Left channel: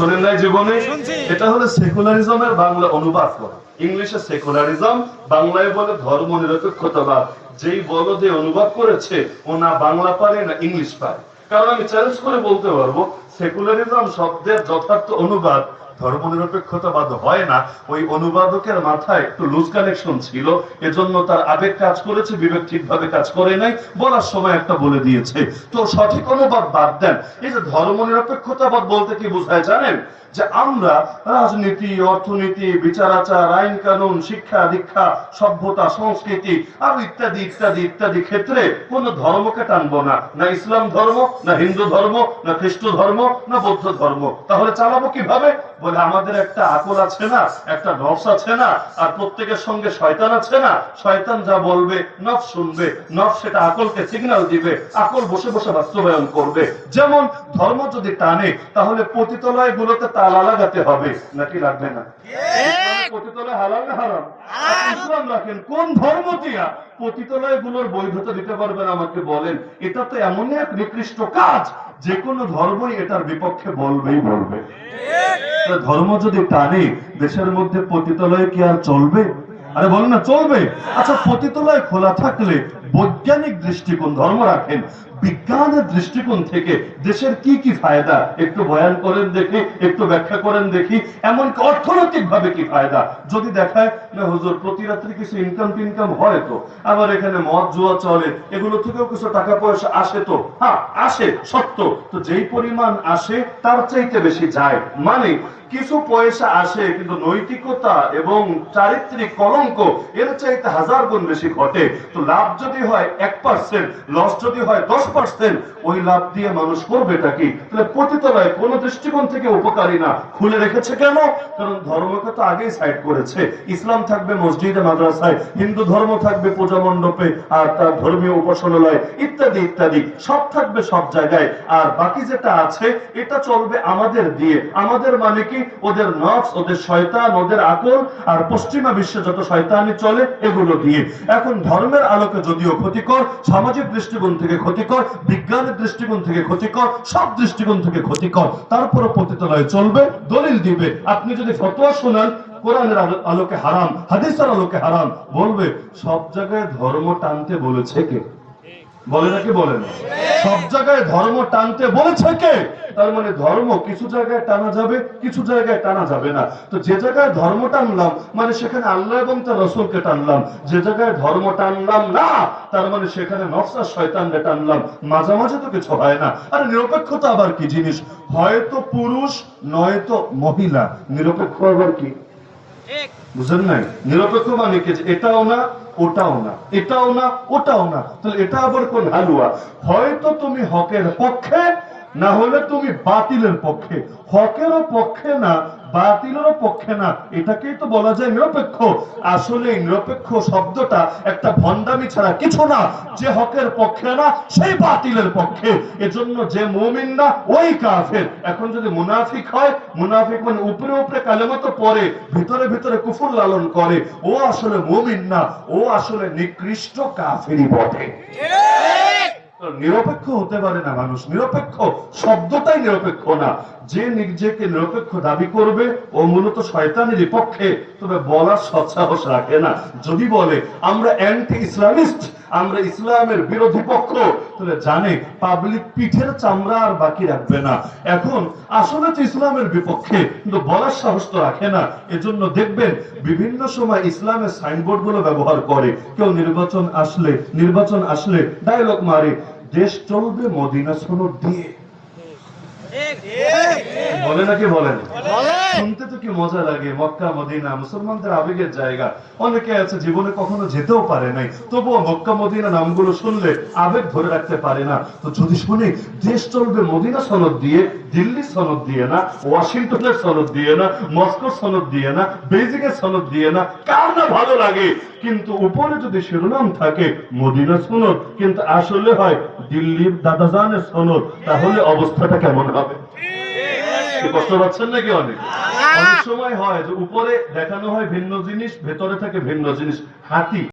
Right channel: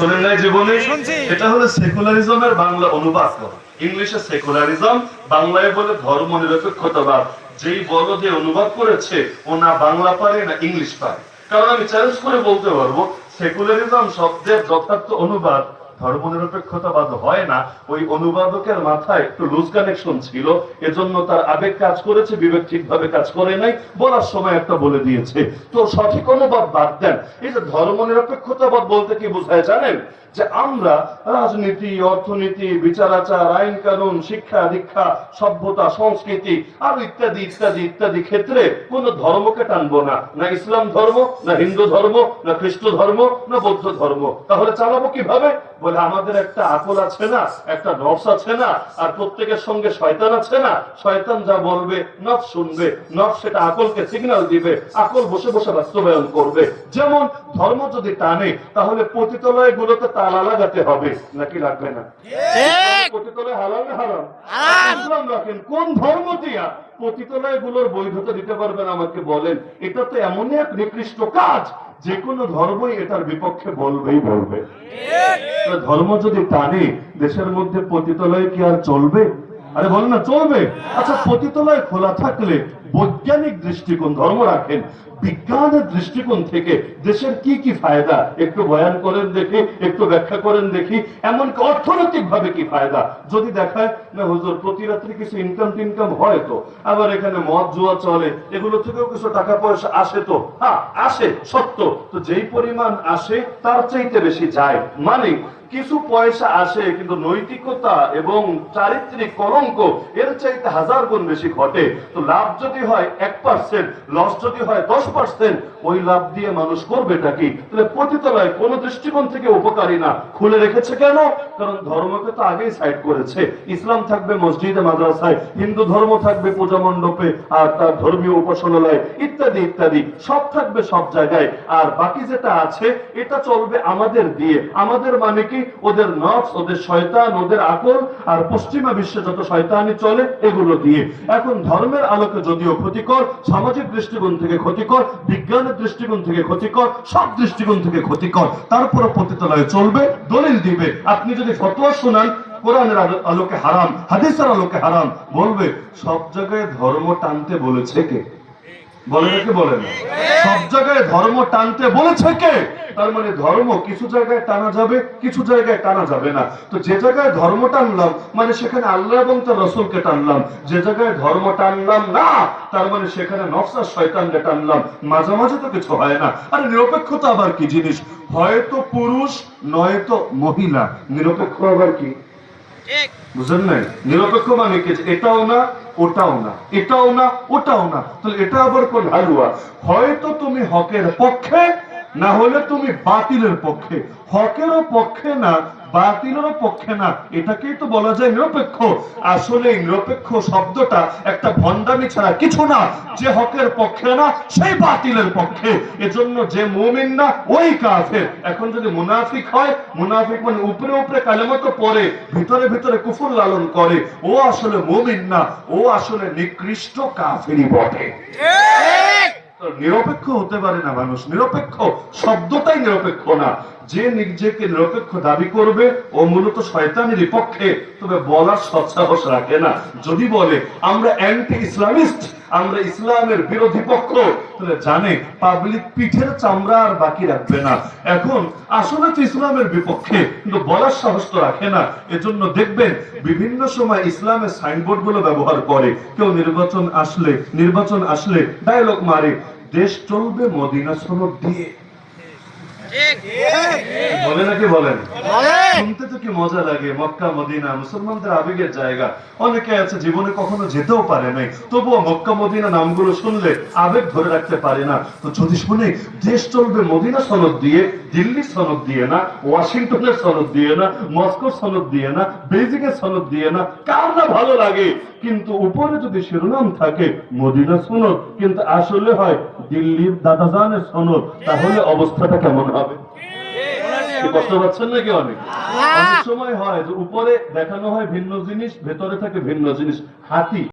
শোনেন নাই জীবনে? এটা হলো সেকুলারিজমের বাংলা অনুবাদ করা। ইংলিশে সেকুলারিজম বাংলায় বলে ধর্ম নিরপেক্ষতাবাদ যেই বড় দিয়ে অনুবাদ করেছে ও না বাংলা পারে না ইংলিশ পারে। কারণ আমি চ্যালেঞ্জ করে বলতে পারব সেকুলারিজম শব্দের যথার্থ অনুবাদ ধর্ম নিরপেক্ষতাবাদ হয় না। ওই অনুবাদকের মাথায় একটু লুজ কানেকশন ছিল। এজন্য তার আবেগ কাজ করেছে, বিবেক ঠিকভাবে কাজ করে নাই। বলার সময় একটা বলে দিয়েছে, তো সঠিক অনুবাদ বাদ দেন। এই যে ধর্ম নিরপেক্ষতাবাদ বলতে কি বোঝায় জানেন? যে আমরা রাজনীতি, অর্থনীতি বিচার আচার আইন কানুন, শিক্ষা, দীক্ষা, সভ্যতা, সংস্কৃতি আর ইত্যাদি ইত্যাদি ইত্যাদি ক্ষেত্রে কোন ধর্মকে টানবো না। না ইসলাম ধর্ম, না হিন্দু ধর্ম, না খ্রিস্ট ধর্ম, না বৌদ্ধ ধর্ম। তাহলে চালাবো কীভাবে? বলে, আমাদের একটা আকল আছে না, একটা নফস আছে না, আর প্রত্যেকের সঙ্গে শয়তান আছে না, শয়তান যা বলবে নফ শুনবে নফ সেটা আকলকে সিগন্যাল দিবে, আকল বসে বসে বাস্তবায়ন করবে। যেমন ধর্ম যদি টানে, তাহলে পতিতলয় গুলোতে তালা লাগাতে হবে, নাকি লাগবে না? পতিতলয় হালাল হারাম? ইসলাম রাখেন। কোন ধর্ম পতিতলয়গুলোর বৈধতা দিতে পারবেন আমাকে বলেন? এটা তো এমনই এক নিকৃষ্ট কাজ। যে কোনো ধর্মই এটার বিপক্ষে বলবেই বলবে। ধর্ম যদি টানে দেশের মধ্যে পতিতলয় কি আর চলবে? আরে বল না চলবে। আচ্ছা পতিতলয় খোলা থাকলে বৈজ্ঞানিক দৃষ্টিকোণ ধর্ম রাখেন। বিজ্ঞানের দৃষ্টিকোণ থেকে দেশের কি কি ফায়দা? একটু বয়ান করেন দেখি, একটু ব্যাখ্যা করেন দেখি, এমনকি অর্থনৈতিক ভাবে কি ফায়দা? যদি দেখায়, না হুজুর, প্রতি রাত্রি কিছু ইনকাম টিনকাম হয় তো? আবার এখানে মদ, জুয়া চলে, এগুলো থেকেও কিছু টাকা পয়সা আসে তো? হ্যাঁ আসে, সত্য। তো যেই পরিমাণ আসে, তার চাইতে বেশি যায়। মানে কিছু পয়সা আসে, কিন্তু নৈতিকতা এবং চারিত্রিক কলঙ্ক, এর চাইতে হাজার গুণ বেশি ঘটে। তো লাভ যদি হয় এক পার্সেন্ট লস যদি হয় দশ ওই লাভ দিয়ে মানুষ করবেটা কি? তাহলে পতিতলায় কোন দৃষ্টিকোণ থেকে উপকারী না। খুলে রেখেছে কেন? কারণ ধর্মকে তো আগেই সাইড করেছে। ইসলাম থাকবে মসজিদে, মাদ্রাসায়, হিন্দু ধর্ম থাকবে পূজা মণ্ডপে, আর তার ধর্মীয় উপাসনালয়, ইত্যাদি ইত্যাদি। সব থাকবে সব জায়গায়। আর বাকি যেটা আছে, এটা চলবে আমাদের দিয়ে। আমাদের মানে কি? ওদের নফস, ওদের শয়তান, ওদের আকল। আর পশ্চিমা বিশ্বে যত শয়তানি চলে, এগুলো দিয়ে। এখন ধর্মের আলোকে যদিও ক্ষতিকর, সামাজিক দৃষ্টিকোণ থেকে ক্ষতিকর বিজ্ঞানের দৃষ্টিকোণ থেকে ক্ষতিকর, সব দৃষ্টিকোণ থেকে ক্ষতিকর। তারপরে পতিতালয়ে চলবে, দলিল দিবে। আপনি যদি ফতোয়া শোনান, কোরআনের আলো- আলোকে হারাম, হাদিসের আলোকে হারাম, বলবে, সব জায়গায় ধর্ম টানতে বলেছে কে? বলে নাকি বলে না সব জায়গায় ধর্ম টানতে বলেছে কে? তার মানে ধর্ম কিছু জায়গায় টানা যাবে কিছু জায়গায় টানা যাবে না। তো যে জায়গায় ধর্ম টানলাম মানে সেখানে আল্লাহ এবং তার রসুলকে টানলাম। যে জায়গায় ধর্ম টানলাম না তার মানে সেখানে শয়তানকে টানলাম। মাঝামাঝি তো কিছু হয় না। আরে নিরপেক্ষতা আবার কি জিনিস? হয়তো পুরুষ নয়তো মহিলা। নিরপেক্ষ আবার কি? বুঝলেন নাই? নিরপেক্ষ মানে কি? এটাও না ওটাও না, এটাও না, ওটাও না। তাহলে এটা আবার কোন হালুয়া? হয়তো তুমি হকের পক্ষে না হলে তুমি বাতিলের পক্ষে, হকেরও পক্ষে না, বাতিলেরও পক্ষে না। এটাকেই তো বলা যায় নিরপেক্ষ। আসলে নিরপেক্ষ শব্দটা একটা ভণ্ডামি ছাড়া কিছু না। যে হকের পক্ষে না, সেই বাতিলের পক্ষে। এজন্য যে মুমিন না ওই কাফের। এখন যদি মুনাফিক হয়, মুনাফিক মানে উপরে উপরে কালেমত পড়ে, ভিতরে ভিতরে কুফুর লালন করে। ও আসলে মুমিন না, ও আসলে নিকৃষ্ট কাফেরই বটে। তো নিরপেক্ষ হতে পারে না মানুষ। নিরপেক্ষ শব্দটাই নিরপেক্ষ না। যে নিজেকে নিরপেক্ষ দাবি করবে, ও মূলত শয়তানেরই পক্ষে তবে বলার সৎসাহস রাখে না। যদি বলে, আমরা অ্যান্টি ইসলামিস্ট আমরা ইসলামের বিরোধী পক্ষ, তাহলে জানে পাবলিক পিঠের চামড়া আর বাকি রাখবে না। এখন, আসলে তো ইসলামের বিপক্ষে, কিন্তু বলার সাহস তো রাখে না। এজন্য দেখবেন, বিভিন্ন সময় ইসলামের সাইনবোর্ড ব্যবহার করে। কেউ নির্বাচন আসলে নির্বাচন আসলে ডায়লগ মারে। দেশ চলবে মদিনা সনদ দিয়ে। বলে নাকি বলেন? শুনতে তো কি মজা লাগে? মক্কা, মদিনা, মুসলমানদের আবেগের জায়গা। অনেকে আছে জীবনে কখনো যেতেও পারে নাই। তবুও মক্কা, মদিনা নামগুলো শুনলে আবেগ ধরে রাখতে পারে না। তো যদি শুনে, দেশ চলবে মদিনা সনদ দিয়ে দিল্লি সনদ দিয়ে না, ওয়াশিংটনের সনদ দিয়ে না, মস্কোর সনদ দিয়ে না বেজিং এর সনদ দিয়ে না, কার না ভালো লাগে? কিন্তু উপরে যদি শিরোনাম থাকে, মদিনা সনদ, কিন্তু আসলে হয় দিল্লির দাদাজানের সনদ, তাহলে অবস্থাটা কেমন হবে? কষ্ট পাচ্ছেন নাকি অনেক? অনেক সময় হয় যে উপরে দেখানো হয় ভিন্ন জিনিস ভেতরে থাকে ভিন্ন জিনিস। হাতি।